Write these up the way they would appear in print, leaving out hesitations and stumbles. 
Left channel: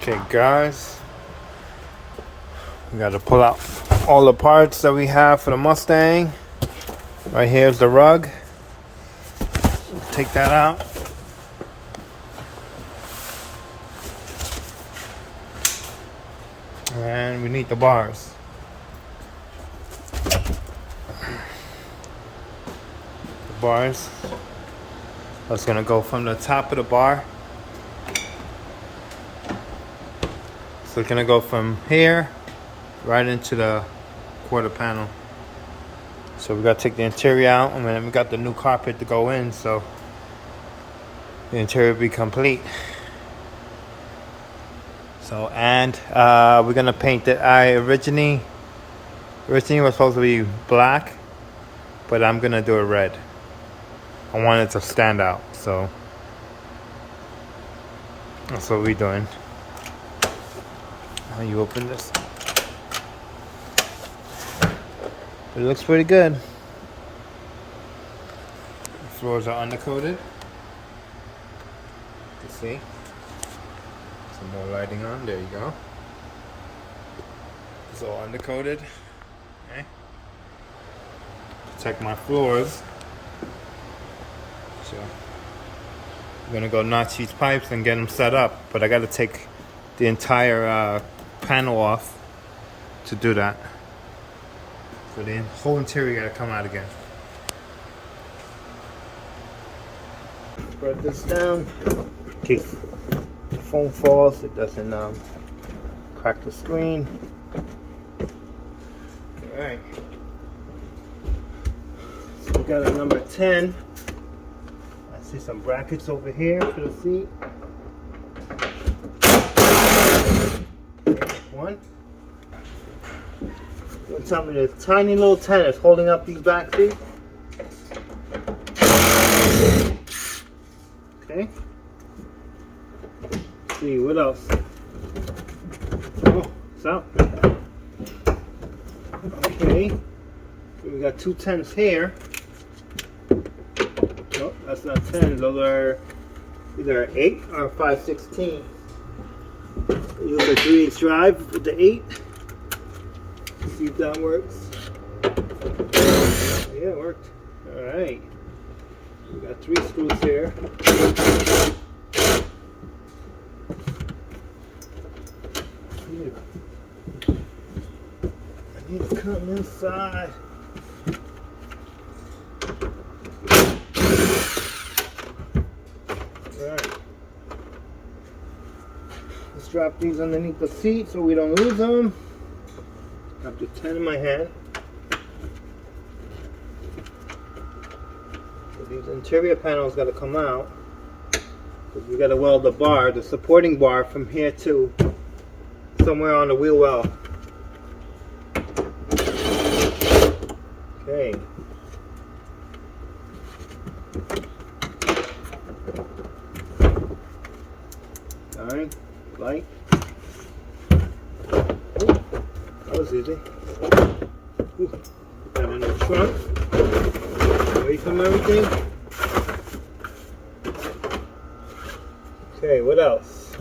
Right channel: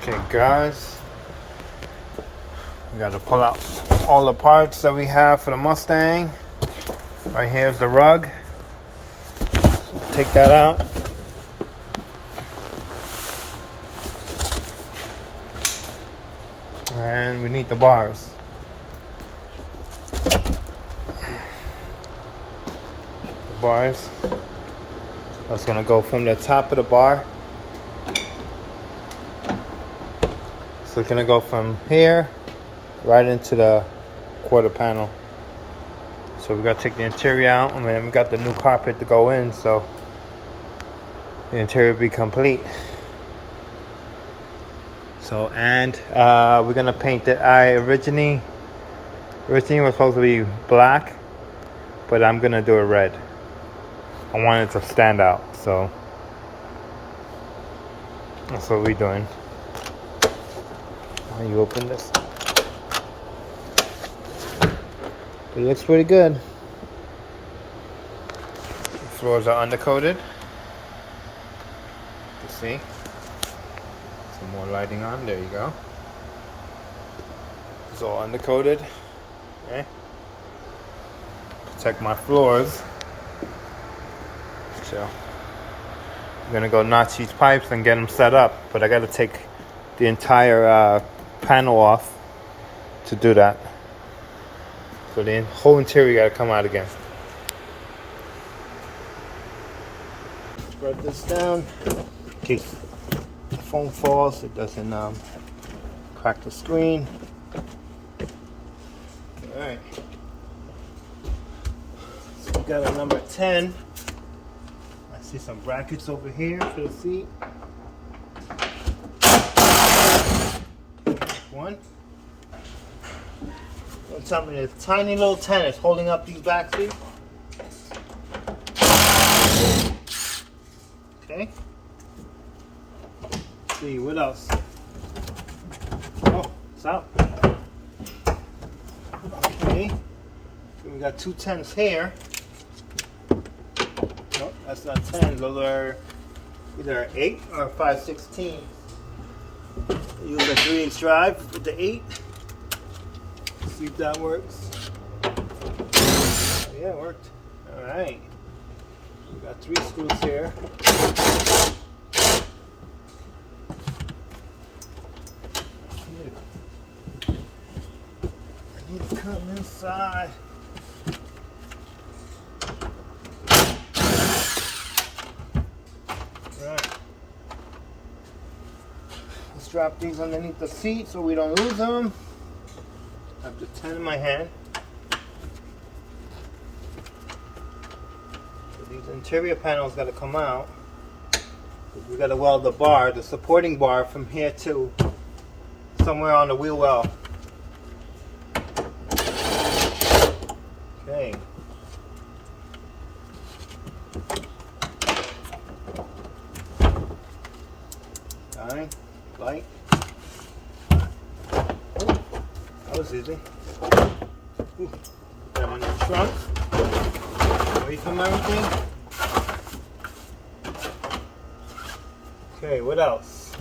Okay guys, we got to pull out all the parts that we have for the Mustang. Right here is the rug. Take that out. And we need the bars. The bars. That's gonna go from the top of the bar. So it's gonna go from here right into the quarter panel. So we gotta take the interior out, and then we got the new carpet to go in, so the interior will be complete. So, and we're gonna paint it. Originally was supposed to be black, but I'm gonna do it red. I want it to stand out, so that's what we're doing. Oh, you open this. It looks pretty good. The floors are undercoated. You can see. Some more lighting on. There you go. It's all undercoated. Okay. Protect my floors. So I'm gonna go notch these pipes and get them set up, but I gotta take the entire panel off to do that. So the whole interior gotta come out again. Spread this down in case the foam falls, it doesn't crack the screen. All right. So we got a number 10. I see some brackets over here for the seat. One. Don't tell me there's tiny little tennis holding up these back seats. Okay. Let's see what else. Oh, it's out. Okay. So we got two 10s here. Nope, that's not 10. Those are either 8 or 5/16. Use the 3/8 drive with the 8. See if that works. Yeah, it worked. Alright. We got 3 screws here. I need to come inside. Right. Let's drop these underneath the seat so we don't lose them. I have the 10 in my hand. So these interior panels got to come out. We got to weld the bar, the supporting bar, from here to somewhere on the wheel well. Okay. Time, light. Ooh, that was easy. Ooh, put that on the trunk. Away from everything. Okay, what else?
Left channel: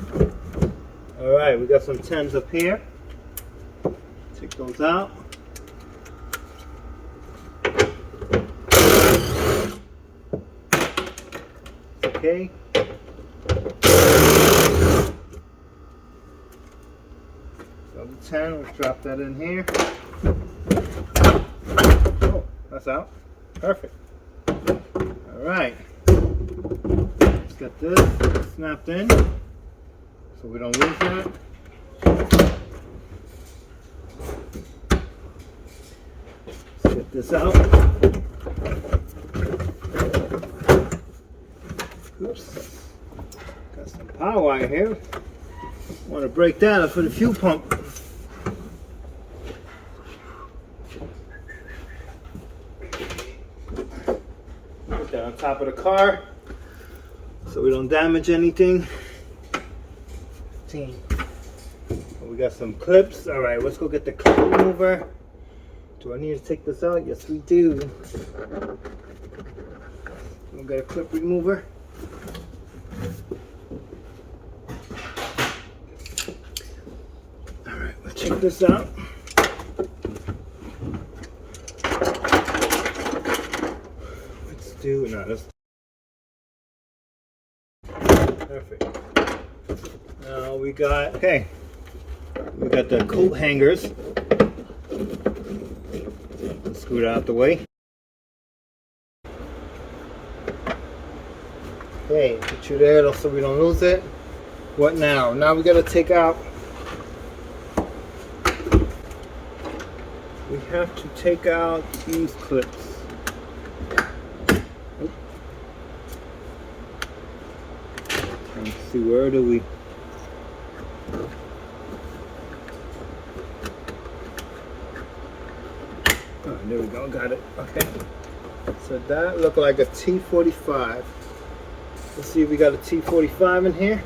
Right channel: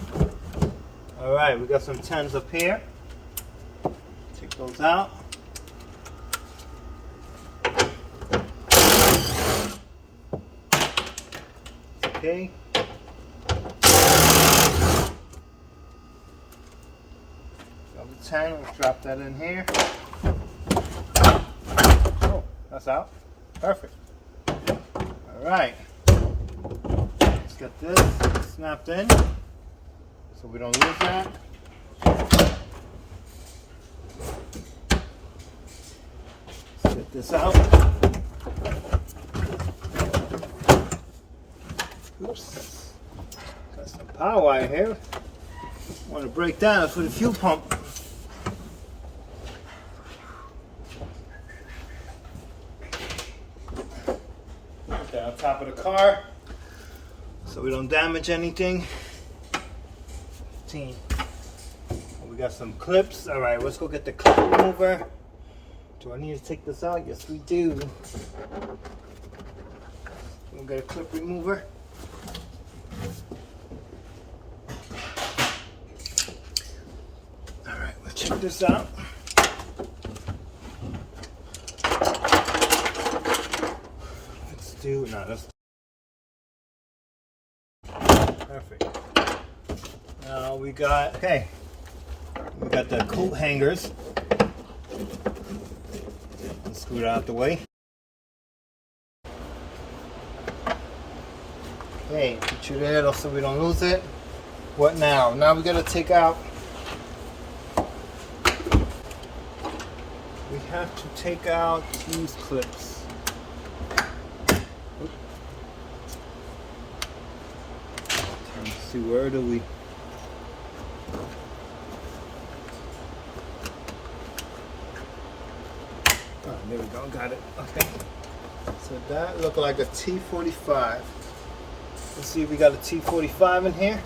Alright, we got some 10s up here. Take those out. Okay. Got the 10, let's drop that in here. Oh, that's out. Perfect. Alright. Let's get this snapped in so we don't lose that. Let's get this out. Oops. Got some power wire here. Want to break down it for the fuel pump. Put that on top of the car so we don't damage anything. 15. We got some clips. All right, let's go get the clip remover. Do I need to take this out? Yes, we do. We'll get a clip remover. check this out. Let's do, no, that's perfect. Now we got, okay, we got the coat hangers. Let's scoot out the way. Okay, put you there so we don't lose it. What now? Now we gotta take out, we have to take out these clips. Oop. Let's see, where do we? Oh, there we go, got it. Okay. So that looked like a T45. Let's see if we got a T45 in here.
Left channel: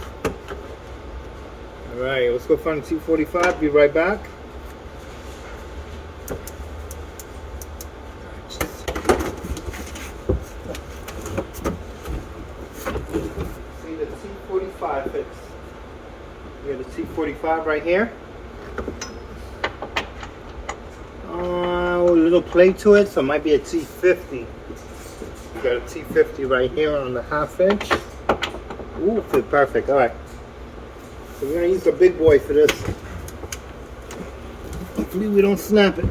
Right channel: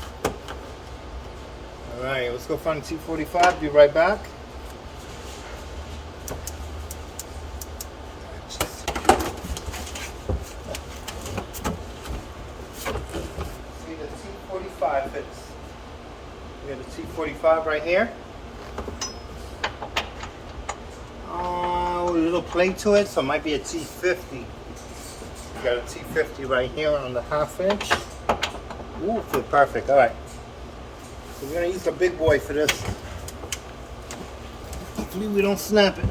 All right, let's go find a T45. Be right back. See the T45 fits. We got a T45 right here. A little plate to it, so it might be a T50. We got a T50 right here on the 1/2 inch. Ooh, fit perfect. All right. So we're gonna use the big boy for this. Hopefully we don't snap it.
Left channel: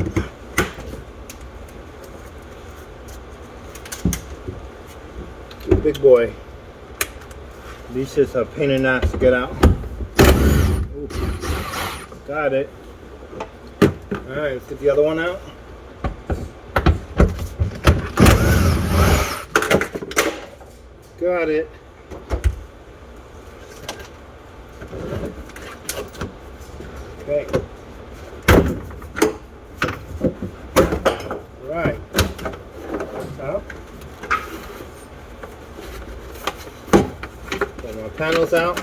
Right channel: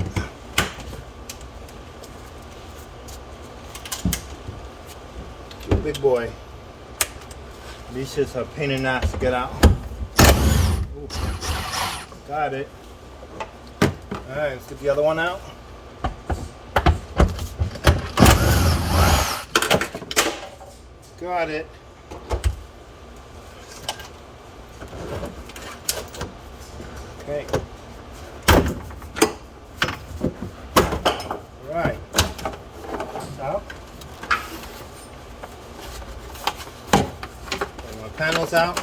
The big boy. These shits are a pain in the ass to get out. Ooh. Got it. All right, let's get the other one out. Got it. Okay. All right. Out. Get my panels out.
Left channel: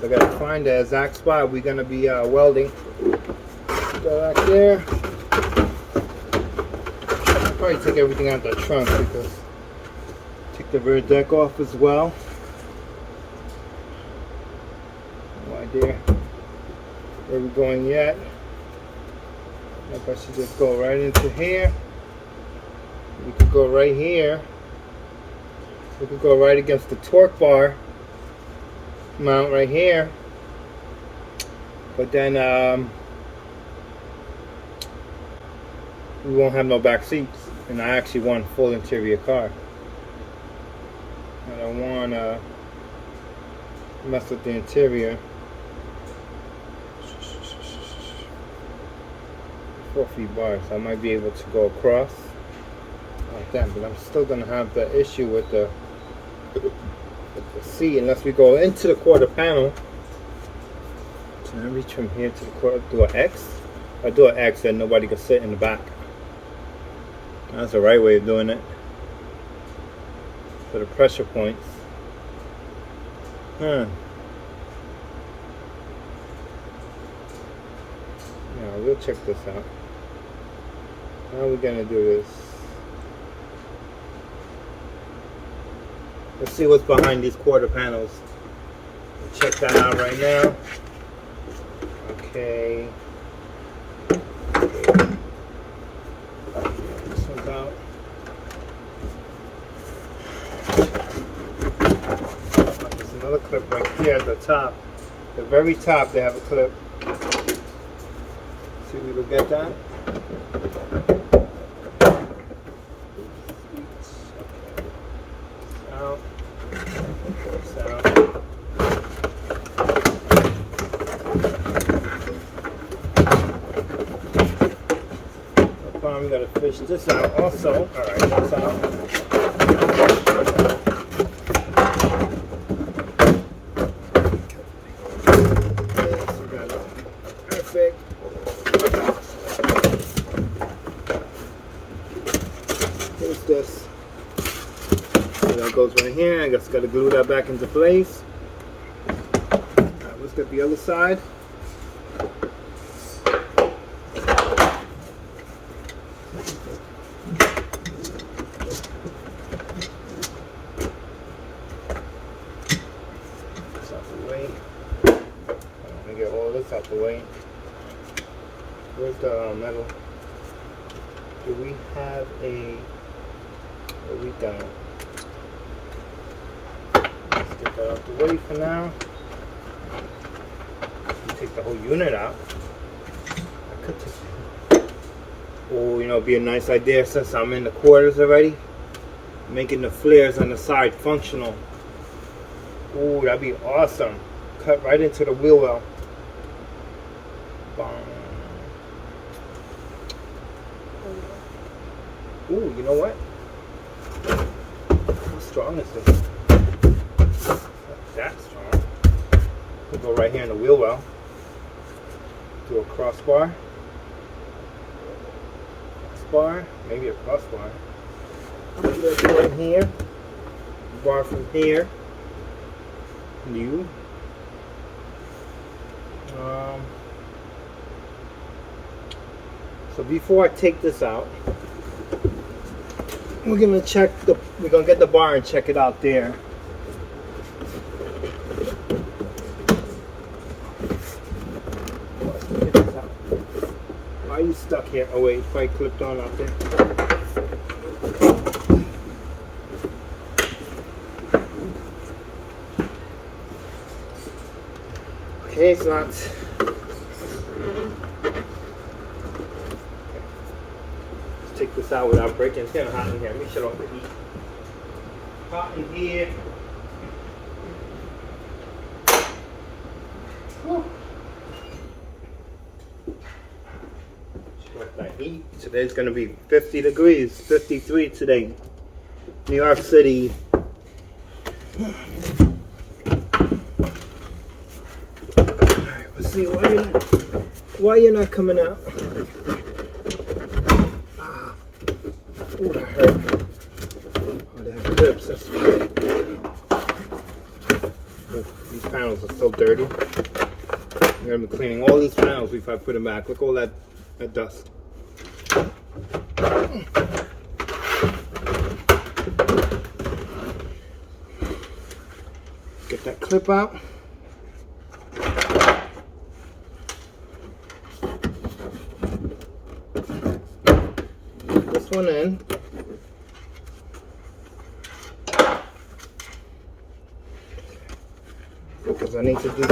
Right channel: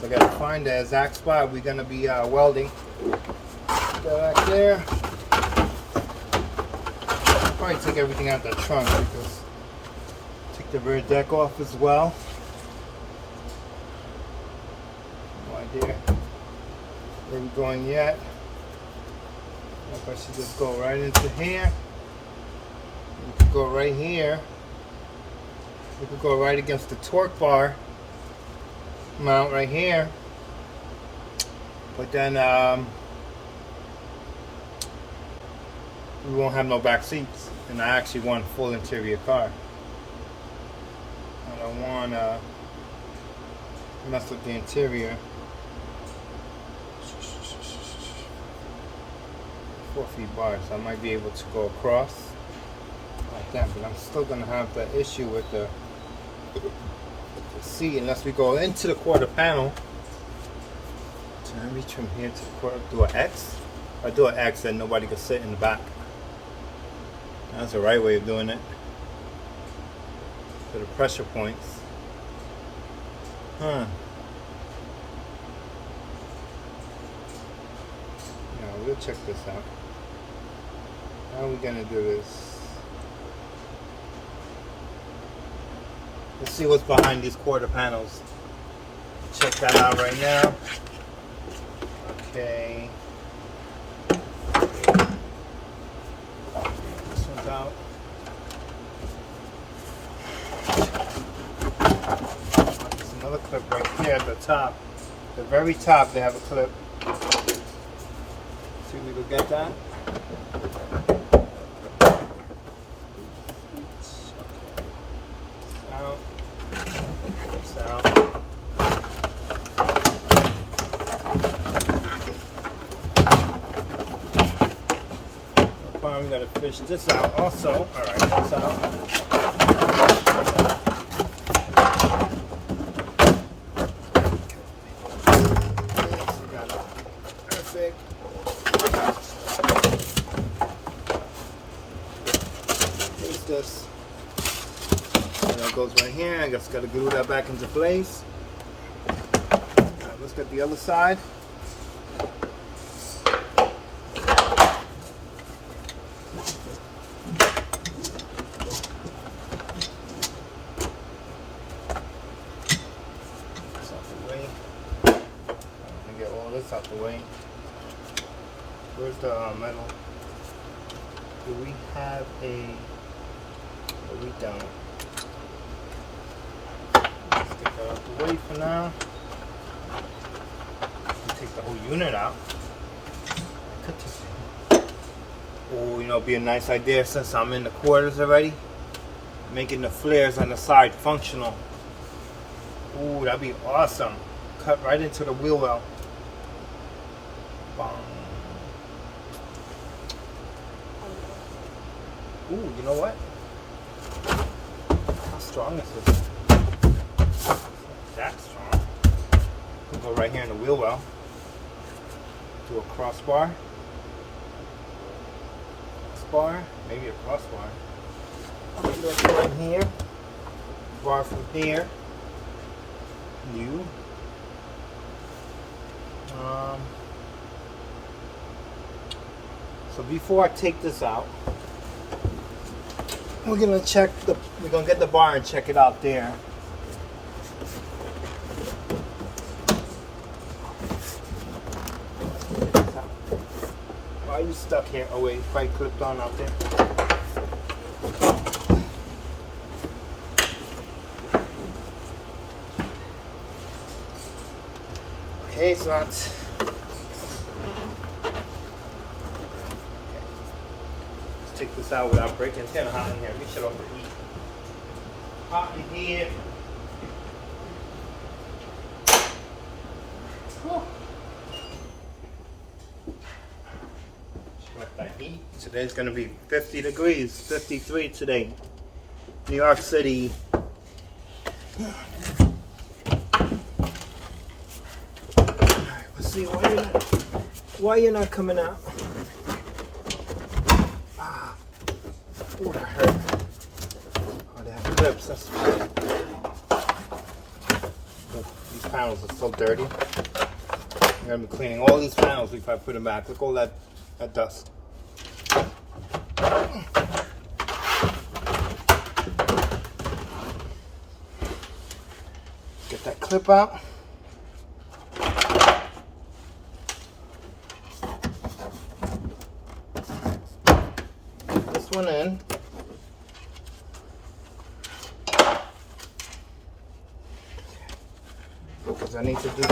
So I gotta find the exact spot we're gonna be welding. Go back there. Probably take everything out of the trunk because take the rear deck off as well. No idea where we're going yet. I think I should just go right into here. We could go right here. We could go right against the torque bar mount right here. But then we won't have no back seats, and I actually want a full interior car. I don't want to mess with the interior. 4 feet bar, so I might be able to go across like that, but I'm still gonna have the issue with the seat unless we go into the quarter panel. Can I reach from here to the quarter? Do an X? If I do an X, then nobody can sit in the back. That's the right way of doing it. For the pressure points. Huh. Yeah, we'll check this out. How are we gonna do this? Let's see what's behind these quarter panels. Check that out right now. Okay. This one's out. There's another clip right here at the top. The very top, they have a clip. See if we can get that. Out. Out. We gotta fish this out also. Alright, that's out. Perfect. What's this? That goes right here. I just gotta glue that back into place. Alright, let's get the other side. this out the way. Where's the metal? Do we have a... Or we don't. Let's get that out the way for now. Take the whole unit out. I could take... Oh, you know, it'd be a nice idea since I'm in the quarters already. Making the flares on the side functional. Oh, that'd be awesome. Cut right into the wheel well. Ooh, you know what? How strong is this? It's not that strong. We'll go right here in the wheel well. Do a crossbar. Crossbar, maybe a crossbar. I'm gonna go in here. Bar from here. New. So before I take this out, we're gonna get the bar and check it out there. Why are you stuck here? Oh wait, if I clipped on out there. Okay, so that's take this out without breaking. It's kind of hot in here. Let me shut off the heat. Hot in here. Shut off that heat. Today's going to be 50 degrees. 53 today. New York City. Alright, let's see why you're not coming out. Oh, that hurt. Oh, they have grips. That's fine. These panels are so dirty. I'm going to be cleaning all these panels before I put them back. Look at all that dust. Get that clip out. This one in. Because I need to do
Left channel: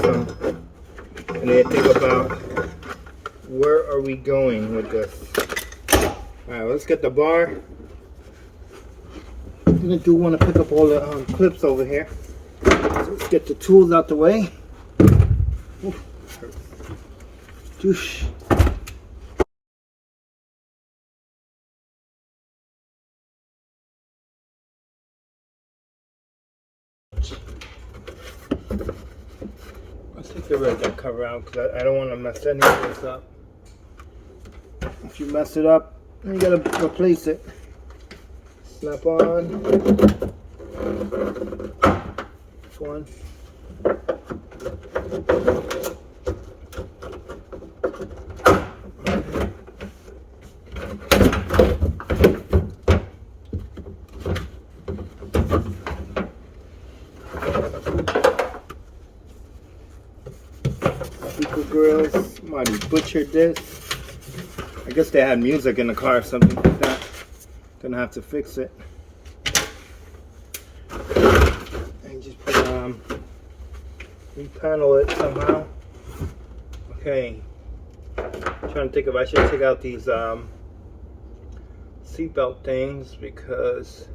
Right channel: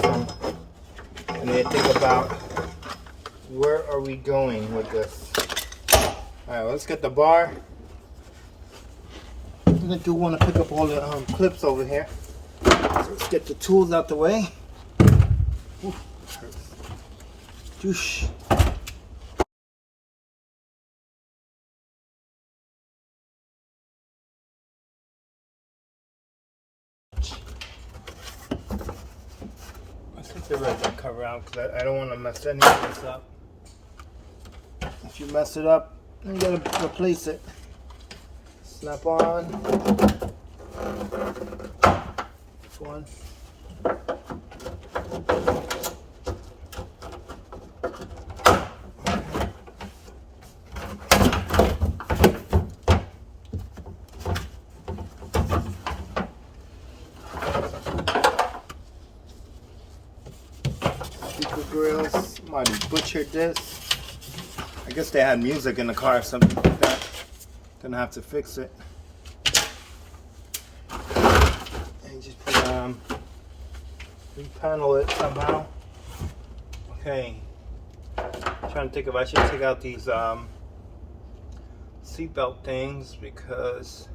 I need to think about where are we going with this. Alright, let's get the bar. I do want to pick up all the clips over here. So let's get the tools out the way. Ooh, hurts. Joosh. Let's take the red cover out because I don't want to mess any of this up. If you mess it up, then you gotta replace it. Snap on. This one. Speaker grills. Somebody butchered this. I guess they had music in the car or something like that. Gonna have to fix it. And just put repanel it somehow. Okay. I'm trying to think if I should take out these seatbelt things because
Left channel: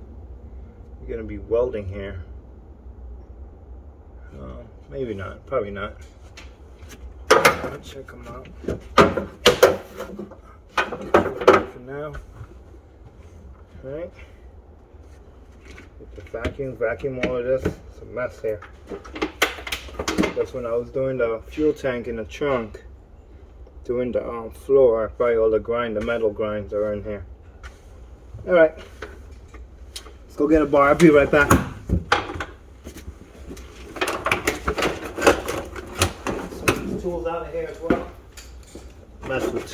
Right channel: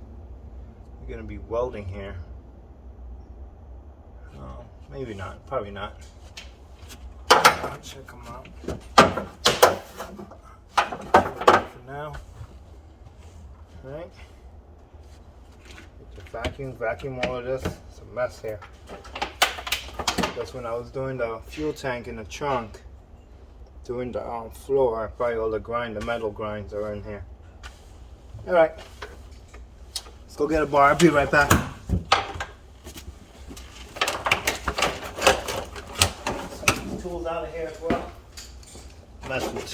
you're gonna be welding here. Maybe not. Probably not. I'll check them out. For now. Alright. Get the vacuum all of this. It's a mess here. That's when I was doing the fuel tank in the trunk. Doing the floor, probably all the metal grinds are in here. Alright. Let's go get a bar. I'll be right back. Some tools out of here as well. Mess with tools.